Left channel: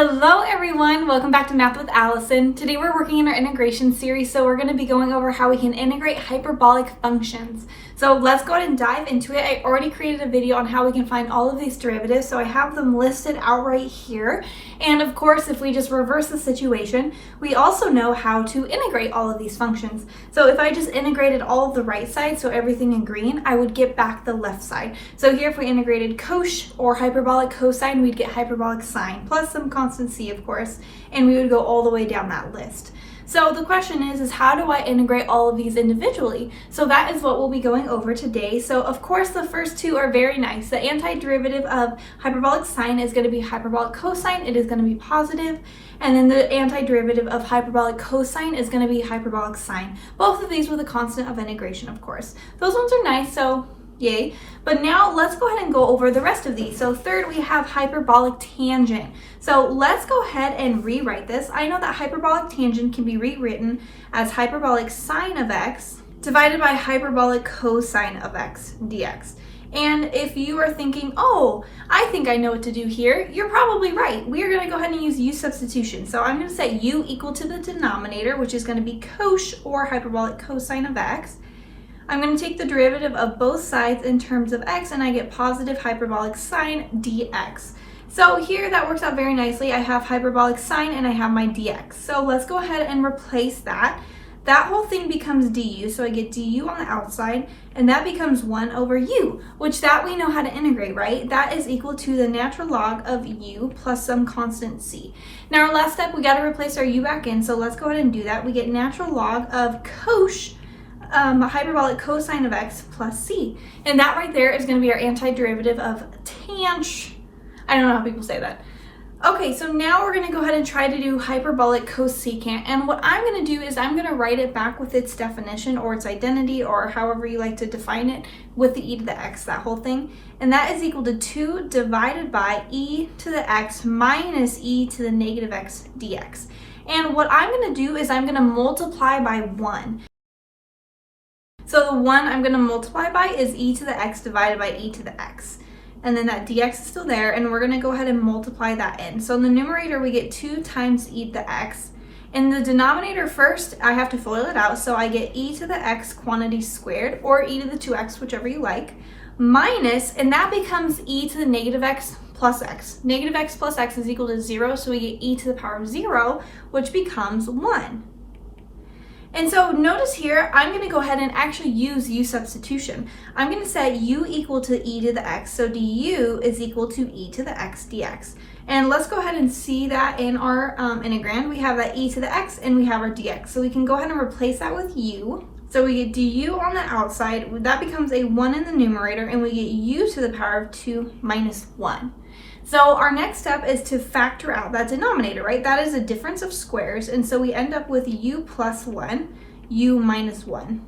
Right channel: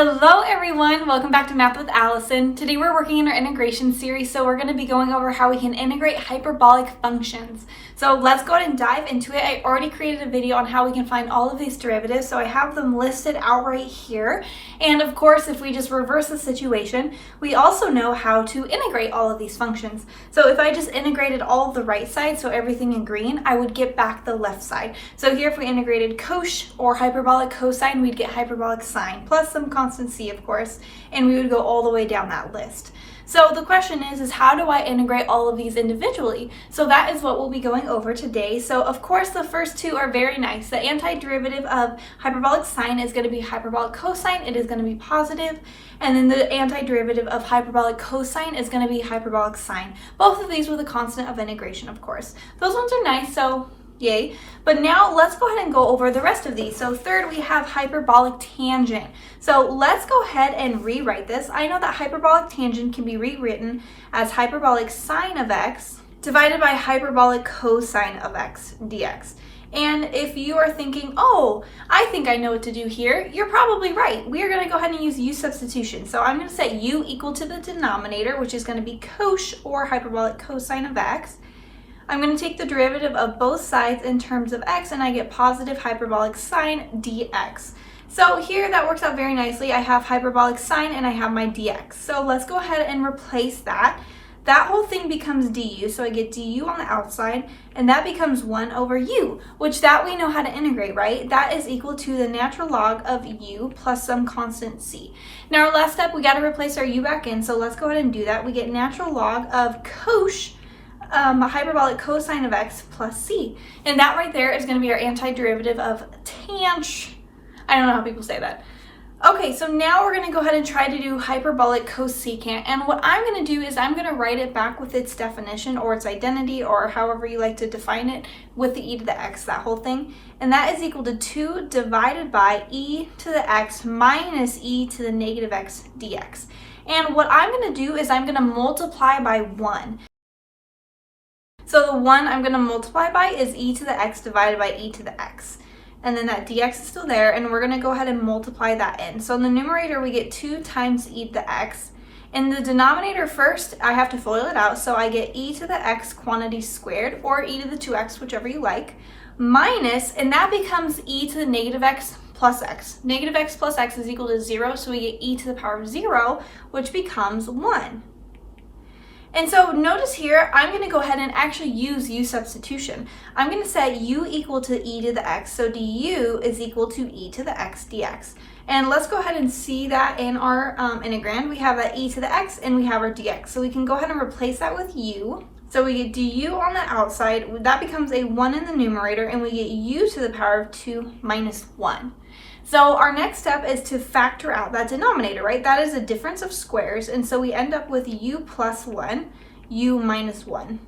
Hello everyone, welcome back to Math with Allison. Today we're working in our integration series, so we're going to be going over how we can integrate hyperbolic functions. So let's go ahead and dive into it. I already created a video on how we can find all of these derivatives, so I have them listed out right here. And of course, if we just reverse the situation, we also know how to integrate all of these functions. So if I just integrated all of the right side, so everything in green, I would get back the left side. So here if we integrated cosh or hyperbolic cosine, we'd get hyperbolic sine, plus some constant c, of course, and we would go all the way down that list. So the question is how do I integrate all of these individually? So that is what we'll be going over today. So of course the first two are very nice. The antiderivative of hyperbolic sine is going to be hyperbolic cosine. It is going to be positive. And then the antiderivative of hyperbolic cosine is going to be hyperbolic sine. Both of these with a constant of integration, of course. Those ones are nice, so yay. But now let's go ahead and go over the rest of these. So third, we have hyperbolic tangent. So let's go ahead and rewrite this. I know that hyperbolic tangent can be rewritten as hyperbolic sine of x divided by hyperbolic cosine of x dx. And if you are thinking, oh, I think I know what to do here, you're probably right. We are going to go ahead and use u substitution. So I'm going to set u equal to the denominator, which is going to be cosh or hyperbolic cosine of x. I'm going to take the derivative of both sides in terms of x, and I get positive hyperbolic sine dx. So here that works out very nicely. I have hyperbolic sine and I have my dx. So let's go ahead and replace that. That whole thing becomes du, so I get du on the outside, and that becomes 1 over u, which that we know how to integrate, right? That is equal to the natural log of u plus some constant c. Now our last step, we got to replace our u back in, so let's go ahead and do that. We get natural log of cosh hyperbolic cosine of x plus c. And that right there is going to be our antiderivative of I don't know how people say that. Okay, so now we're going to go ahead and try to do hyperbolic cosecant. And what I'm going to do is I'm going to write it back with its definition or its identity or however you like to define it with the e to the x, that whole thing. And that is equal to 2 divided by e to the x minus e to the negative x dx. And what I'm going to do is I'm going to multiply by 1. So the 1 I'm going to multiply by is e to the x divided by e to the x. And then that dx is still there, and we're going to go ahead and multiply that in. So in the numerator, we get 2 times e to the x. In the denominator first, I have to FOIL it out, so I get e to the x quantity squared, or e to the 2x, whichever you like, minus, and that becomes e to the negative x plus x. Negative x plus x is equal to 0, so we get e to the power of 0, which becomes 1. And so notice here, I'm going to go ahead and actually use u substitution. I'm going to set u equal to e to the x, so du is equal to e to the x dx. And let's go ahead and see that in our integrand. We have that e to the x and we have our dx. So we can go ahead and replace that with u. So we get du on the outside, that becomes a 1 in the numerator, and we get u to the power of 2 minus 1. So our next step is to factor out that denominator, right? That is a difference of squares, and so we end up with u plus 1, u minus 1.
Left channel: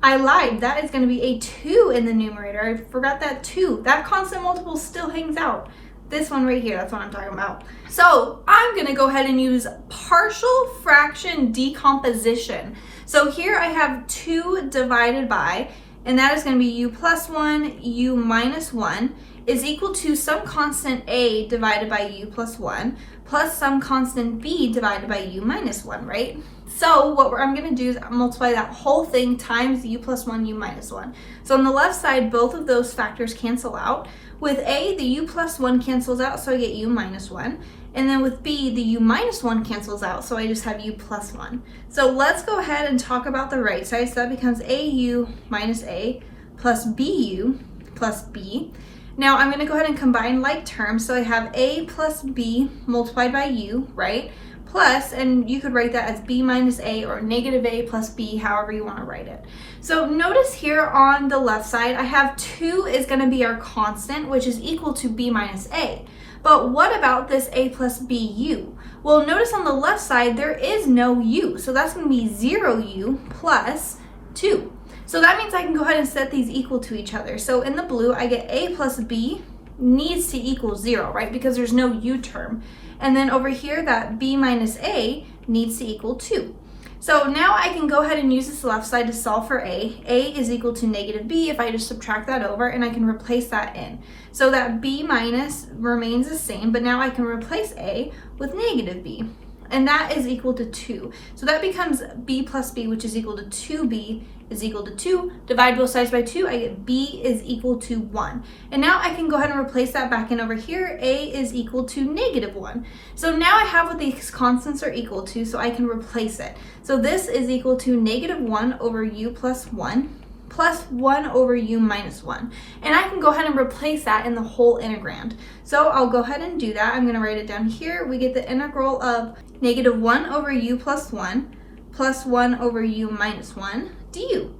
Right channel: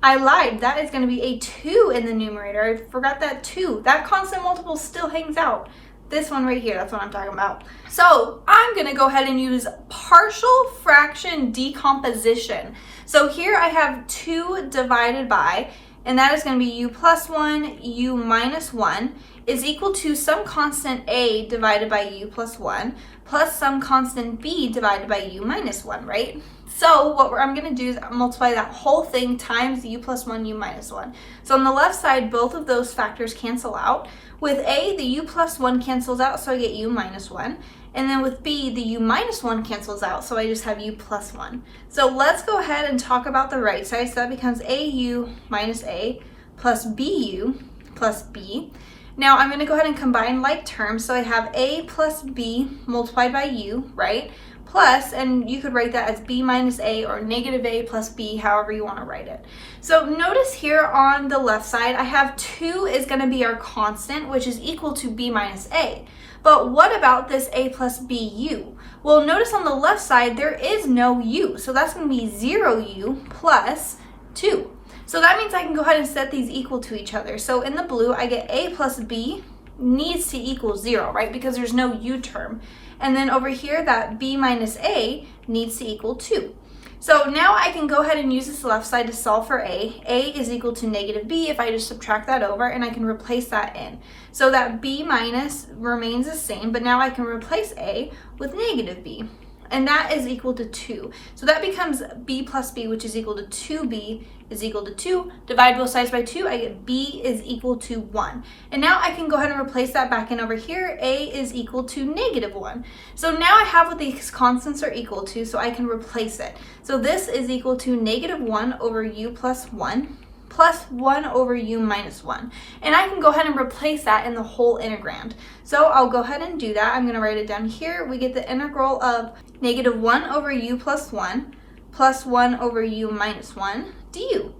I lied, that is going to be a 2 in the numerator. I forgot that 2. That constant multiple still hangs out. This one right here, that's what I'm talking about. So I'm going to go ahead and use partial fraction decomposition. So here I have 2 divided by, and that is going to be u plus 1, u minus 1, is equal to some constant a divided by u plus 1 plus some constant b divided by u minus 1, right? So what I'm going to do is multiply that whole thing times u plus 1, u minus 1. So on the left side, both of those factors cancel out. With a, the u plus 1 cancels out, so I get u minus 1. And then with b, the u minus 1 cancels out, so I just have u plus 1. So let's go ahead and talk about the right side. So that becomes au minus a plus bu plus b. Now I'm going to go ahead and combine like terms. So I have a plus b multiplied by u, right? Plus, and you could write that as b minus a or negative a plus b, however you want to write it. So notice here on the left side, I have 2 is going to be our constant, which is equal to b minus a. But what about this a plus bu? Well, notice on the left side, there is no u. So that's going to be 0u plus 2. So that means I can go ahead and set these equal to each other. So in the blue, I get a plus b needs to equal 0, right? Because there's no u term. And then over here, that b minus a needs to equal 2. So now I can go ahead and use this left side to solve for a. A is equal to negative b if I just subtract that over, and I can replace that in. So that b minus remains the same, but now I can replace a with negative b. And that is equal to 2. So that becomes b plus b, which is equal to 2b is equal to 2. Divide both sides by 2, I get b is equal to 1. And now I can go ahead and replace that back in over here. A is equal to negative 1. So now I have what these constants are equal to, so I can replace it. So this is equal to negative 1 over u plus 1 plus 1 over u minus 1. And I can go ahead and replace that in the whole integrand. So I'll go ahead and do that. I'm going to write it down here. We get the integral of negative 1 over u plus 1 plus 1 over u minus 1 du.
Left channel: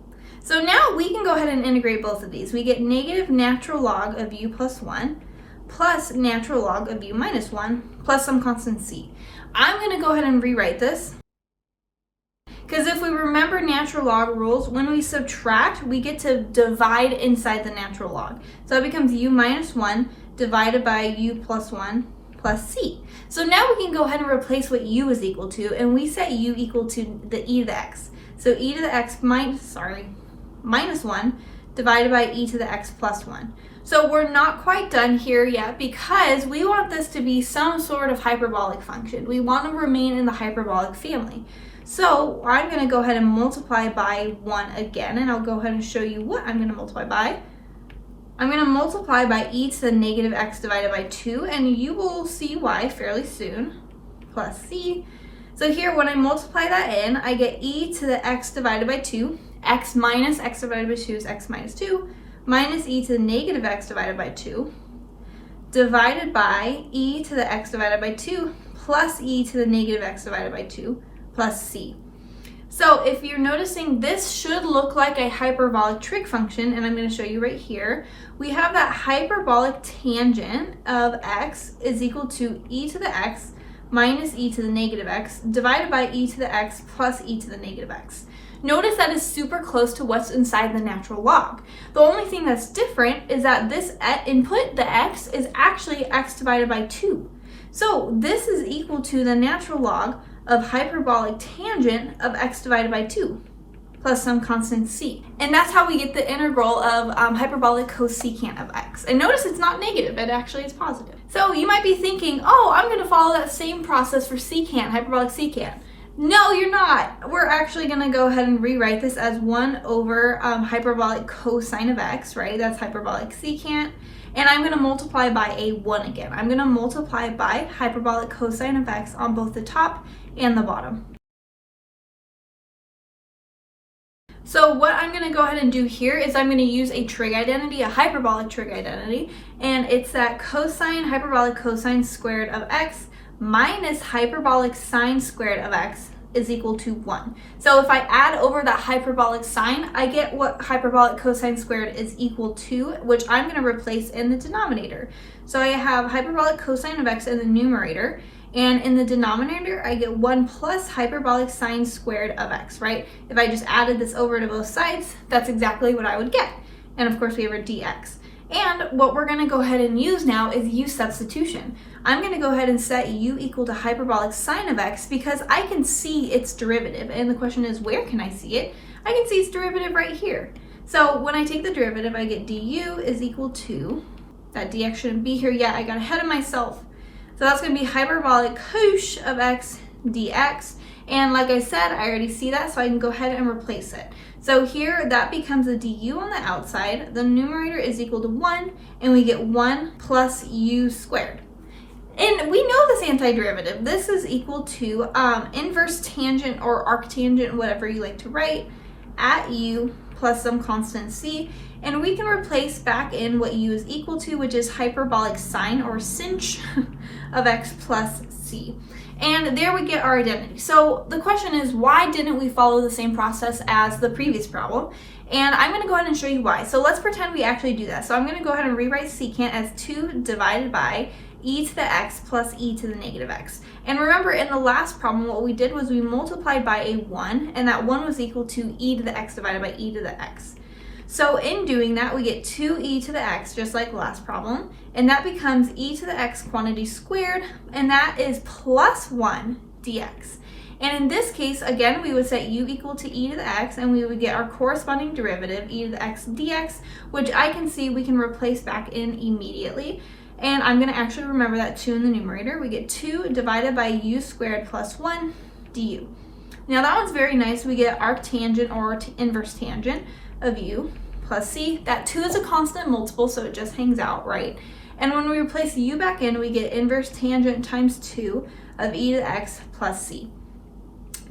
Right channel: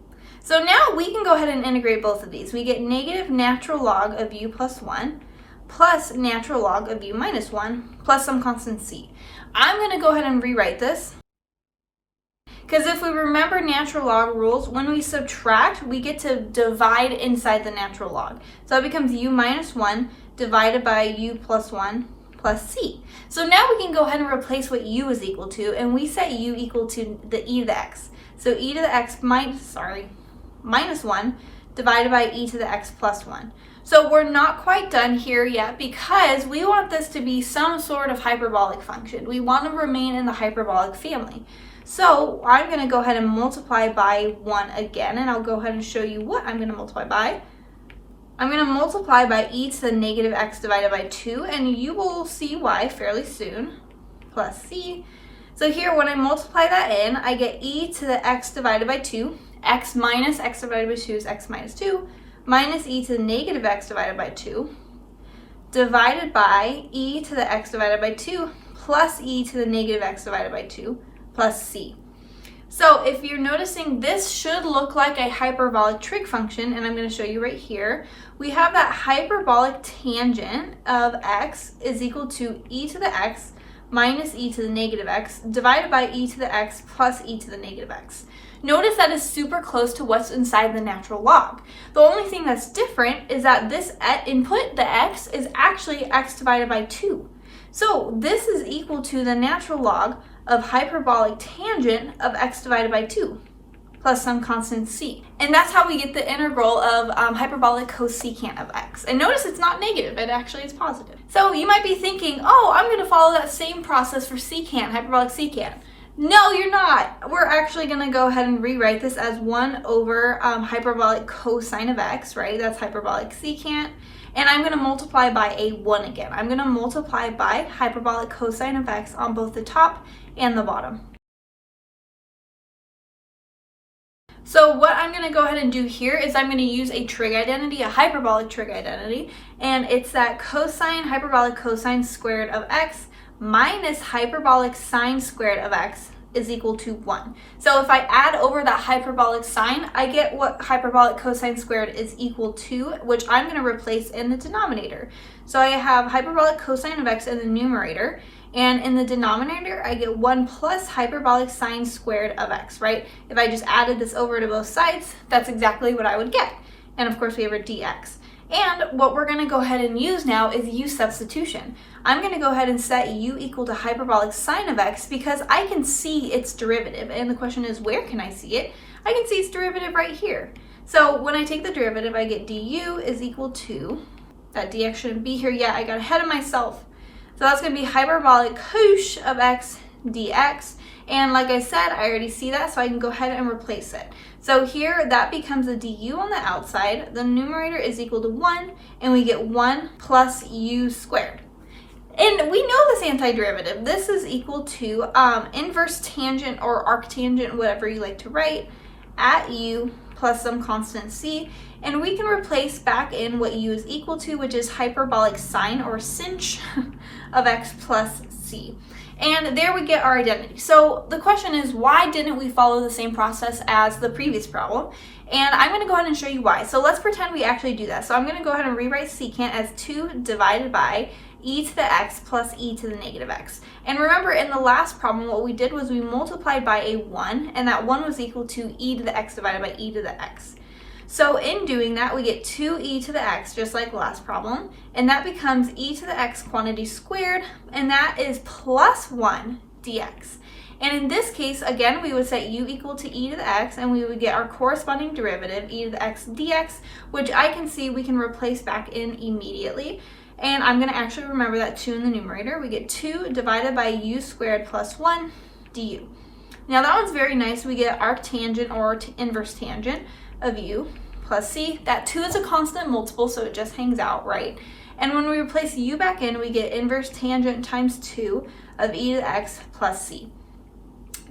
So now we can go ahead and integrate both of these. We get negative natural log of u plus 1 plus natural log of u minus 1 plus some constant c. I'm going to go ahead and rewrite this, because if we remember natural log rules, when we subtract, we get to divide inside the natural log. So that becomes u minus 1 divided by u plus 1 plus c. So now we can go ahead and replace what u is equal to, and we set u equal to the e to the x. So e to the x minus 1 divided by e to the x plus 1. So we're not quite done here yet, because we want this to be some sort of hyperbolic function. We want to remain in the hyperbolic family. So I'm going to go ahead and multiply by 1 again, and I'll go ahead and show you what I'm going to multiply by. I'm going to multiply by e to the negative x divided by 2, and you will see why fairly soon, plus c. So here, when I multiply that in, I get e to the x divided by 2, x minus x divided by 2 is x minus 2, minus e to the negative x divided by 2, divided by e to the x divided by 2, plus e to the negative x divided by 2, plus c. So if you're noticing, this should look like a hyperbolic trig function, and I'm going to show you right here. We have that hyperbolic tangent of x is equal to e to the x minus e to the negative x divided by e to the x plus e to the negative x. Notice that is super close to what's inside the natural log. The only thing that's different is that this input, the x, is actually x divided by 2. So this is equal to the natural log of hyperbolic tangent of x divided by 2 plus some constant c. And that's how we get the integral of hyperbolic cosecant of x. And notice it's not negative, it actually is positive. So you might be thinking, oh, I'm going to follow that same process for secant, hyperbolic secant. No, you're not. We're actually going to go ahead and rewrite this as 1 over hyperbolic cosine of x, right? That's hyperbolic secant. And I'm going to multiply by a 1 again. I'm going to multiply by hyperbolic cosine of x on both the top and the bottom. So what I'm going to go ahead and do here is I'm going to use a trig identity, a hyperbolic trig identity, and it's that hyperbolic cosine squared of x minus hyperbolic sine squared of x is equal to 1. So if I add over that hyperbolic sine, I get what hyperbolic cosine squared is equal to, which I'm going to replace in the denominator. So I have hyperbolic cosine of x in the numerator, and in the denominator, I get 1 plus hyperbolic sine squared of x, right? If I just added this over to both sides, that's exactly what I would get. And of course, we have our dx. And what we're going to go ahead and use now is u substitution. I'm going to go ahead and set u equal to hyperbolic sine of x because I can see its derivative. And the question is, where can I see it? I can see its derivative right here. So when I take the derivative, I get du is equal to, that dx shouldn't be here yet, I got ahead of myself. So that's going to be hyperbolic cosh of x dx. And like I said, I already see that, so I can go ahead and replace it. So here, that becomes a du on the outside. The numerator is equal to 1, and we get 1 plus u squared. And we know this antiderivative. This is equal to inverse tangent or arctangent, whatever you like to write, at u plus some constant c. And we can replace back in what u is equal to, which is hyperbolic sine or sinh of x plus c. And there we get our identity. So the question is, why didn't we follow the same process as the previous problem? And I'm going to go ahead and show you why. So let's pretend we actually do that. So I'm going to go ahead and rewrite secant as 2 divided by e to the x plus e to the negative x. And remember, in the last problem, what we did was we multiplied by a 1, and that 1 was equal to e to the x divided by e to the x. So in doing that, we get 2e to the x, just like last problem, and that becomes e to the x quantity squared, and that is plus 1 dx. And in this case, again, we would set u equal to e to the x, and we would get our corresponding derivative, e to the x dx, which I can see we can replace back in immediately. And I'm going to actually remember that 2 in the numerator. We get 2 divided by u squared plus 1 du. Now that one's very nice. We get arctangent or inverse tangent of u plus c. That 2 is a constant multiple, so it just hangs out, right? And when we replace u back in, we get inverse tangent times 2 of e to the x plus c.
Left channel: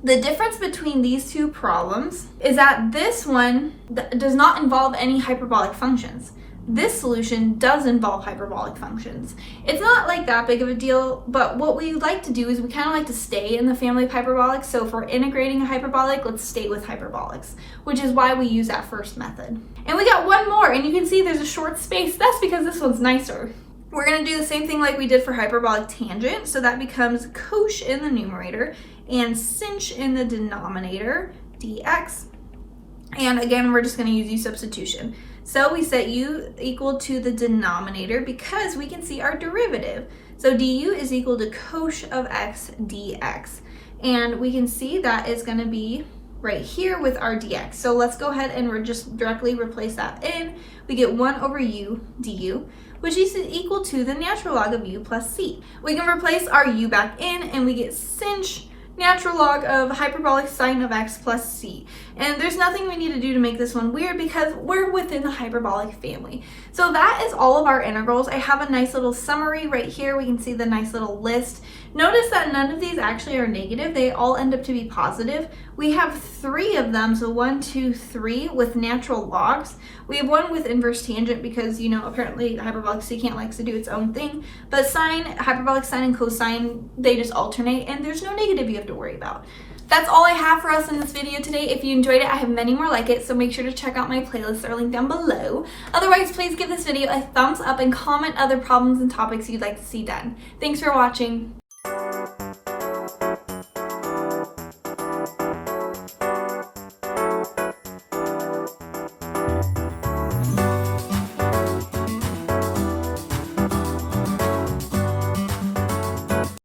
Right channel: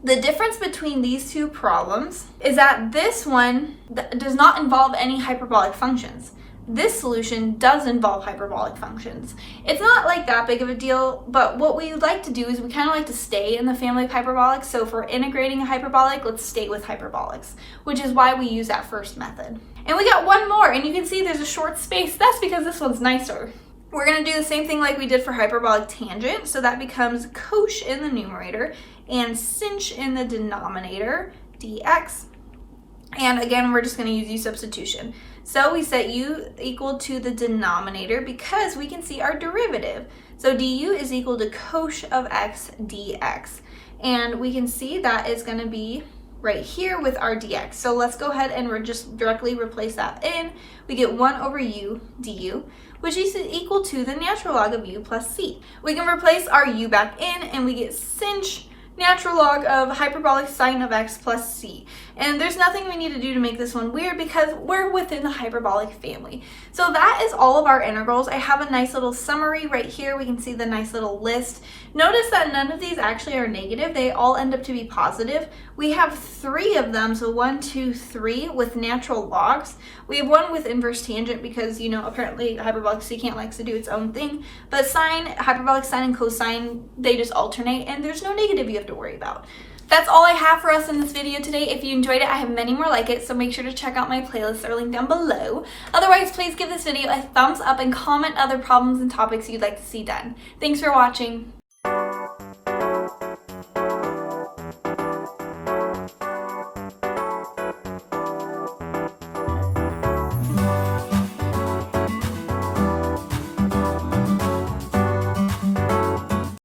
The difference between these two problems is that this one does not involve any hyperbolic functions. This solution does involve hyperbolic functions. It's not like that big of a deal, but what we like to do is we kind of like to stay in the family of hyperbolics. So if we're integrating a hyperbolic, let's stay with hyperbolics, which is why we use that first method. And we got one more, and you can see there's a short space. That's because this one's nicer. We're going to do the same thing like we did for hyperbolic tangent. So that becomes cosh in the numerator and sinh in the denominator, dx. And again, we're just going to use u substitution. So we set u equal to the denominator because we can see our derivative. So du is equal to cosh of x dx. And we can see that is going to be right here with our dx. So let's go ahead and just directly replace that in. We get 1 over u du, which is equal to the natural log of u plus c. We can replace our u back in, and we get sinh natural log of hyperbolic sine of x plus c. And there's nothing we need to do to make this one weird because we're within the hyperbolic family. So that is all of our integrals. I have a nice little summary right here. We can see the nice little list. Notice that none of these actually are negative. They all end up to be positive. We have 3 of them, so 1, 2, 3 with natural logs. We have one with inverse tangent because, you know, apparently hyperbolic secant likes to do its own thing. But sine, hyperbolic sine and cosine, they just alternate, and there's no negative you have to worry about. That's all I have for us in this video today. If you enjoyed it, I have many more like it, so make sure to check out my playlists that are linked down below. Otherwise, please give this video a thumbs up and comment other problems and topics you'd like to see done. Thanks for watching.